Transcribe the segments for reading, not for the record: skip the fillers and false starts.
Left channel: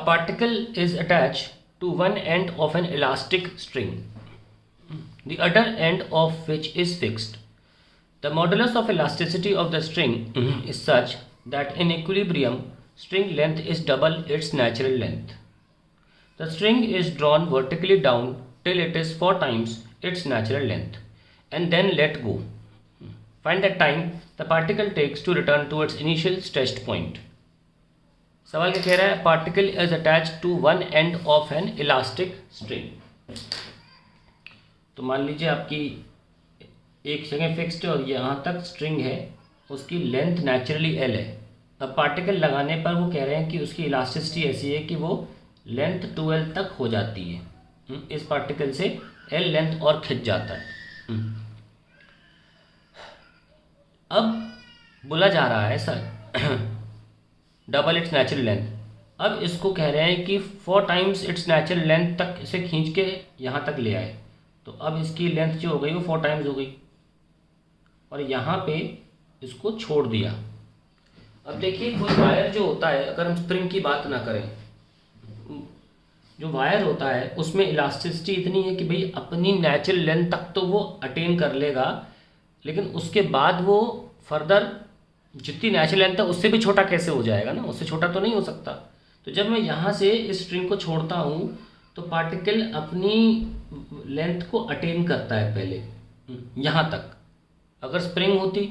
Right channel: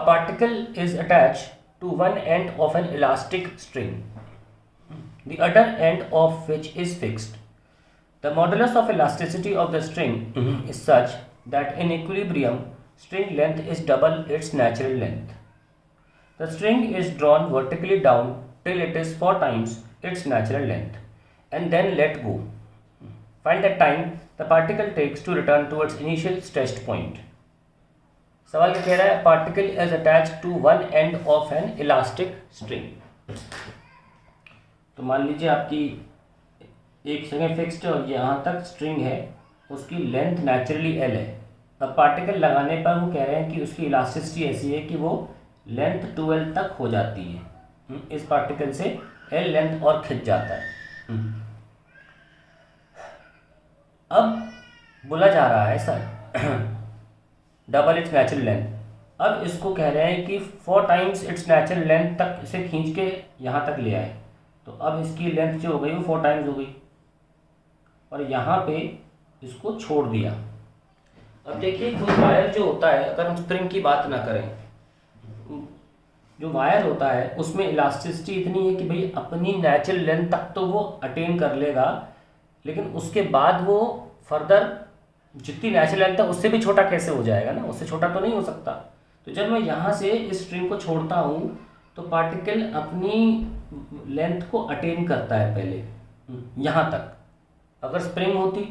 A particle is attached to one end of an elastic string, the other end of which is fixed. The modulus of elasticity of the string is such that in equilibrium, string length is double its natural length. The string is drawn vertically down till it is 4 times its natural length and then let go. Find the time the particle takes to return to its initial stretched point. सवाल क्या कह रहा है? Particle is attach to one end of an elastic string. तो मान लीजिए आपकी एक जगह फिक्स्ड है और यहाँ तक स्ट्रिंग है, उसकी लेंथ नेचुरली एल है. अब पार्टिकल लगाने पर वो कह रहे हैं कि उसकी इलास्टिसिटी ऐसी है कि वो लेंथ 2l तक हो जाती है. इस पार्टिकल से एल लेंथ और खिंच जाता है. अब बोला जा रहा है sir double it's natural length. अब इसको कह रहे हैं कि 4 टाइम्स इट्स नेचुरल लेंथ तक इसे खींच के यहाँ तक ले आए. तो अब इसकी लेंथ जो हो गई वो 4 टाइम्स हो गई और यहाँ पे इसको छोड़ दिया. अब देखिए कोई वायर जो होता है, अगर हम स्प्रिंग की बात ना करें, जो वायर होता है उसमें इलास्टिसिटी इतनी है कि भाई अपनी नेचुरल लेंथ तक तो वो अटेन कर लेगा, लेकिन उसके बाद वो फर्दर जितनी नेचुरल लेंथ है उससे भी छोटा कैसे हो जाएगा ना, उससे छोटा तो नहीं हो सकता. तो जब मैं यहाँ से इस स्ट्रिंग को छोड़ता हूँ तो पार्टिकल अपनी लेंथ को अटेन करता है पहले यहाँ तक. अगर स्प्रिंग होती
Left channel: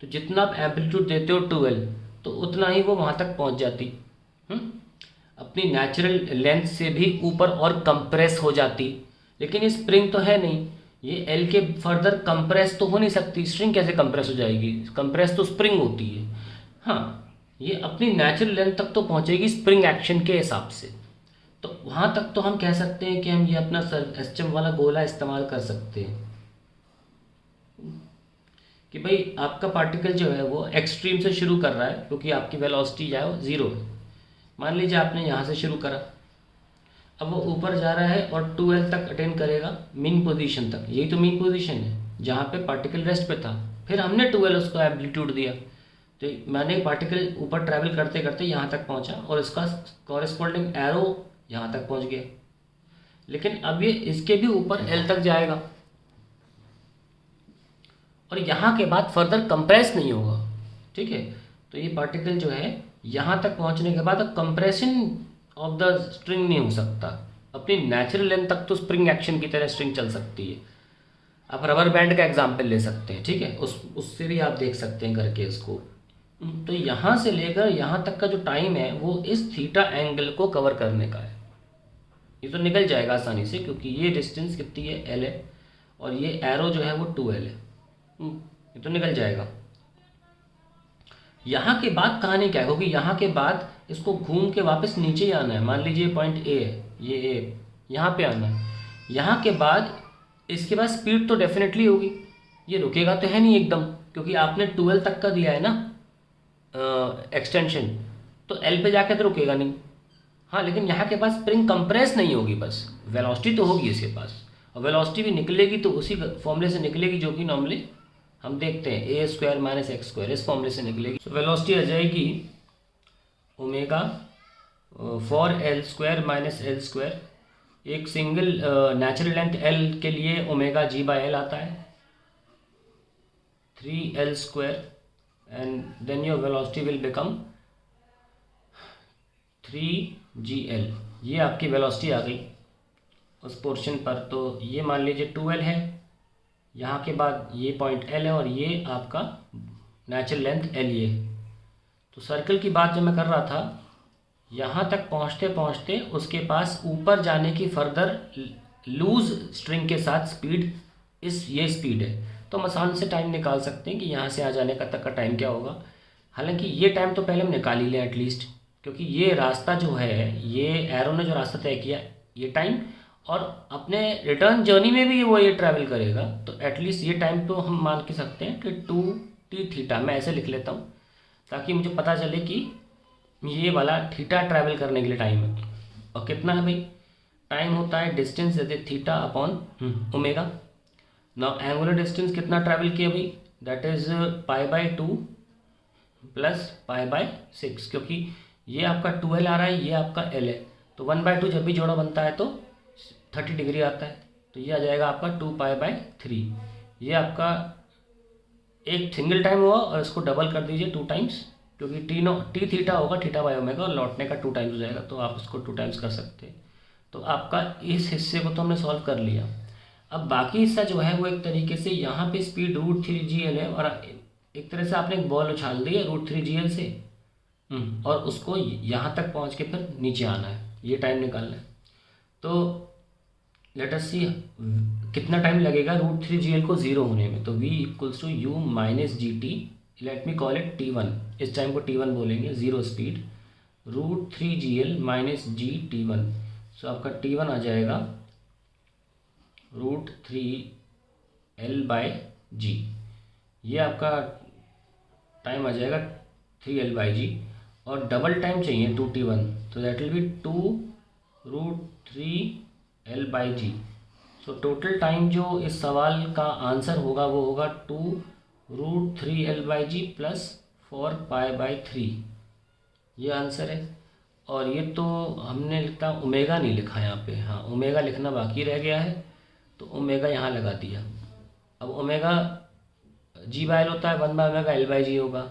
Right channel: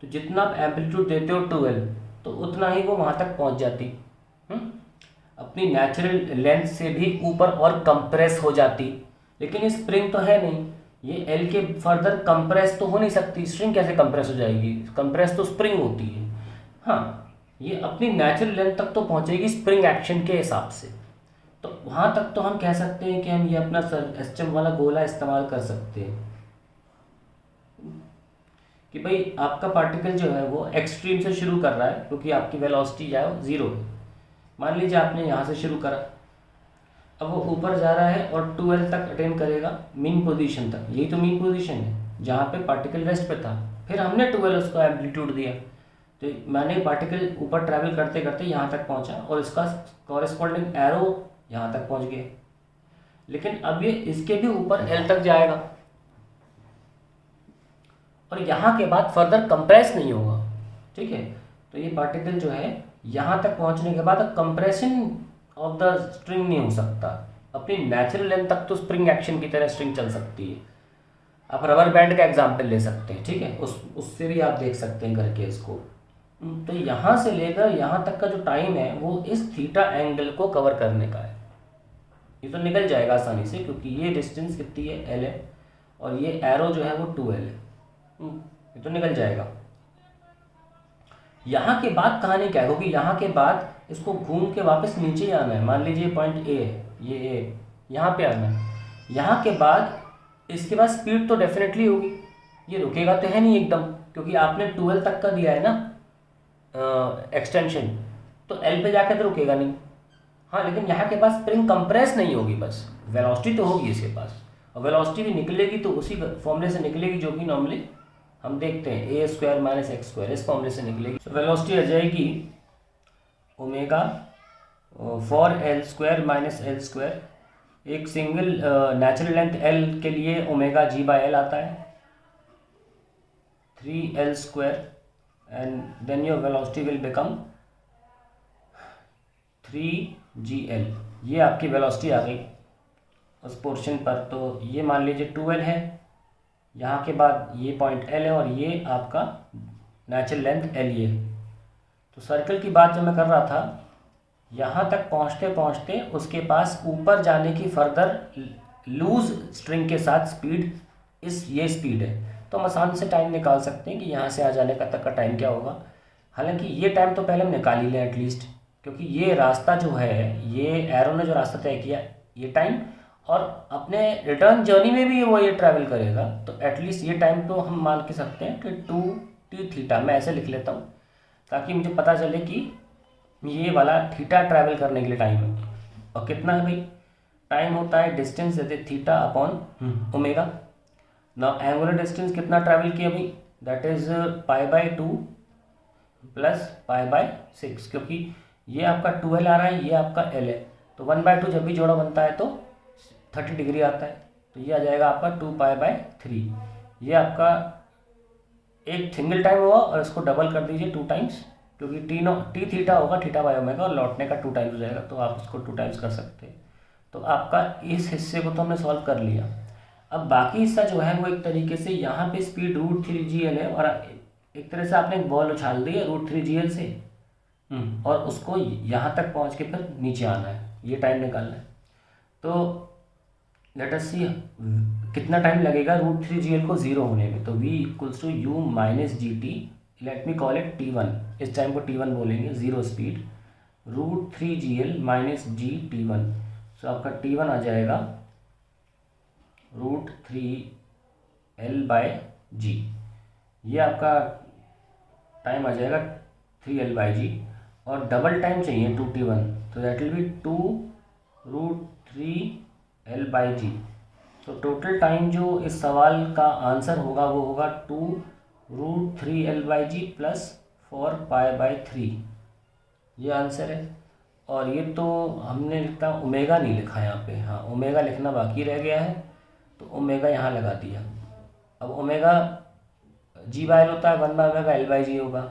तो जितना आप एम्पलीट्यूड देते हो 2l तो उतना ही वो वहाँ तक पहुँच जाती, अपनी नेचुरल लेंथ से भी ऊपर और कंप्रेस हो जाती. लेकिन ये स्प्रिंग तो है नहीं, ये एल के फर्दर कंप्रेस तो हो नहीं सकती. स्ट्रिंग कैसे कंप्रेस हो जाएगी? कंप्रेस तो स्प्रिंग होती है. हाँ, ये अपनी नेचुरल लेंथ तक तो पहुंचेगी स्प्रिंग एक्शन के हिसाब से. तो वहाँ तक तो हम कह सकते हैं कि हम ये अपना एसएचएम वाला गोला इस्तेमाल कर सकते हैं कि भाई आपका पार्टिकल जो है वो एक्सट्रीम से शुरू कर रहा है क्योंकि आपकी वेलोसिटी जो है वो 0 है. मान लीजिए आपने यहाँ से शुरू करा, अब वो ऊपर जा रहा है और 2l तक अटेन करेगा मीन पोजीशन तक. यही तो मीन पोजीशन है जहाँ पे पार्टिकल रेस्ट पे था. फिर हमने 2l उसको एम्पलीट्यूड दिया तो मैंने पार्टिकल ऊपर ट्रैवल करते करते यहाँ तक पहुँचा और इसका कॉरेस्पॉन्डिंग एरो यहाँ तक पहुँच गया. लेकिन अब ये इसके भी ऊपर l तक जाएगा और यहाँ के बाद फर्दर कंप्रेस नहीं होगा. ठीक है, तो ये पार्टिकल जो है यहाँ तक पहुँचने के बाद अब कंप्रेशन ऑफ द स्ट्रिंग नहीं हो सकता. अपनी नेचुरल लेंथ तक तो स्प्रिंग एक्शन की तरह स्ट्रिंग चल सकती है. आप रबर बैंड का एग्जांपल ले सकते हैं. ठीक है, उससे भी आप देख सकते हैं करके इसको. तो यहाँ से लेकर यहाँ तक का जो टाइम है वो इस थीटा एंगल को कवर करने का है. ये तो निकल जाएगा आसानी से क्योंकि ये डिस्टेंस कितनी है, एल है, और ये एरो जो है वो 2l है. ये तो निकल जाएगा. यहाँ के बाद कहानी क्या है? क्योंकि यहाँ के बाद इसको घूम के वापस नीचे ही आना है. मान लीजिए पॉइंट ए है, ये ए, यहाँ पे आना है. यहाँ के बाद इसके बाद स्पीड तो डेफिनेटली होगी, ये रुकेगा तो है नहीं एकदम, क्योंकि आपने 2l तक का दिया है ना एक्सटेंशन, तो एल पे जाके तो रुकेगा नहीं. हाँ, लेकिन यहाँ के पास स्प्रिंग कंप्रेस नहीं होगी, बस वेलोसिटी तो होगी इसके पास. और वेलोसिटी भी निकलेगी तो उसी फॉर्मूले से निकलेगी जो कि नॉर्मली हम देखते हैं, a square minus x square, इस फॉर्मूले से निकलेगी. तो वेलोसिटी आ जाएगी omega 4l square minus l square. एक सिंगल नेचुरल लेंथ l के लिए ओमेगा g/l आता है 3l square and then your velocity will become 3gl. ये आपकी वेलोसिटी आ गई उस पोर्शन पर. तो ये मान लीजिए 2l है, यहाँ के बाद ये पॉइंट l है और ये आपका नेचुरल लेंथ l ये. तो सर्कल की बात जो मैं कर रहा था, यहाँ तक पहुँचते पहुँचते उसके पास ऊपर जाने की फर्दर लूज स्ट्रिंग के साथ स्पीड ये स्पीड है. तो हम आसान से टाइम निकाल सकते हैं कि यहाँ से आ जाने का तक का टाइम क्या होगा. हालांकि ये टाइम तो पहले हम निकाल ही लें एटलीस्ट, क्योंकि ये रास्ता जो है, ये एरो ने जो रास्ता तय किया, ये टाइम, और अपने रिटर्न जर्नी में भी वो ये ट्रैवल करेगा. तो एटलीस्ट ये टाइम तो हम मान के सकते हैं कि 2t थीटा. मैं ऐसे लिख लेता हूँ ताकि मुझे पता चले कि ये वाला थीटा ट्रैवल करने के लिए टाइम है. और कितना है भाई? टाइम होता है डिस्टेंस देते theta upon omega. Now angular distance कितना ट्रैवल किया भाई? दैट इज π/2 प्लस π/6, क्योंकि ये आपका 2l आ रहा है, ये आपका l है. तो 1/2 जब भी जोड़ा बनता है तो 30 डिग्री आता है, तो ये आ जाएगा आपका 2π/3। ये आपका एक सिंगल टाइम हुआ और इसको डबल कर दीजिए 2 टाइम्स, क्योंकि टी थीटा होगा θ/ω और लौटने का 2 टाइम्स हो जाएगा, तो आप इसको 2 टाइम्स कर सकते हैं। तो आपका इस हिस्से को तो हमने सॉल्व कर लिया। अब बाकी हिस्सा जो है वो एक तरीके से यहाँ पे स्पीड √3gl है और एक तरह से आपने एक बॉल उछाल दी है √3gl से, और उसको यहाँ तक पहुँच के फिर नीचे आना है, ये टाइम निकालना है। तो लेट अस सी कितना टाइम लगेगा √3gl को ज़ीरो होने में। तो v = u - gt, let me call it t1, इस टाइम को t1 बोलेंगे, zero speed √3gl - g t1। सो आपका t1 आ जाएगा √3l/g, ये आपका टाइम आ जाएगा 3l/g, और डबल टाइम चाहिए 2t1, तो that will be 2√3l/g। So total time जो इस सवाल का आंसर होगा वो होगा 2√3l/g + 4π/3, ये आंसर है। और ये तो हमने लिखा ओमेगा नहीं लिखा यहाँ पे, हाँ ओमेगा लिखना बाकी रह गया है, तो ओमेगा यहाँ लगा दिया। अब ओमेगा g/l होता है 1/ω l/g होगा,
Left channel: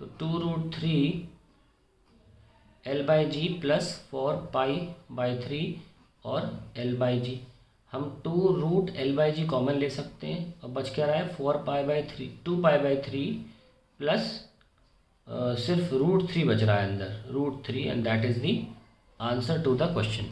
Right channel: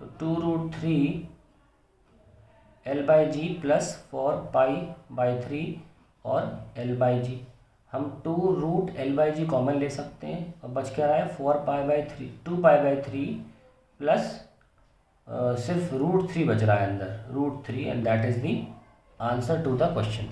तो 2√3l/g + 4π/3 और l/g। हम 2√l/g कॉमन ले सकते हैं, अब बच क्या रहा है 4π/3, 2π/3 प्लस सिर्फ √3 बच रहा है अंदर, √3, and that is the answer to the question.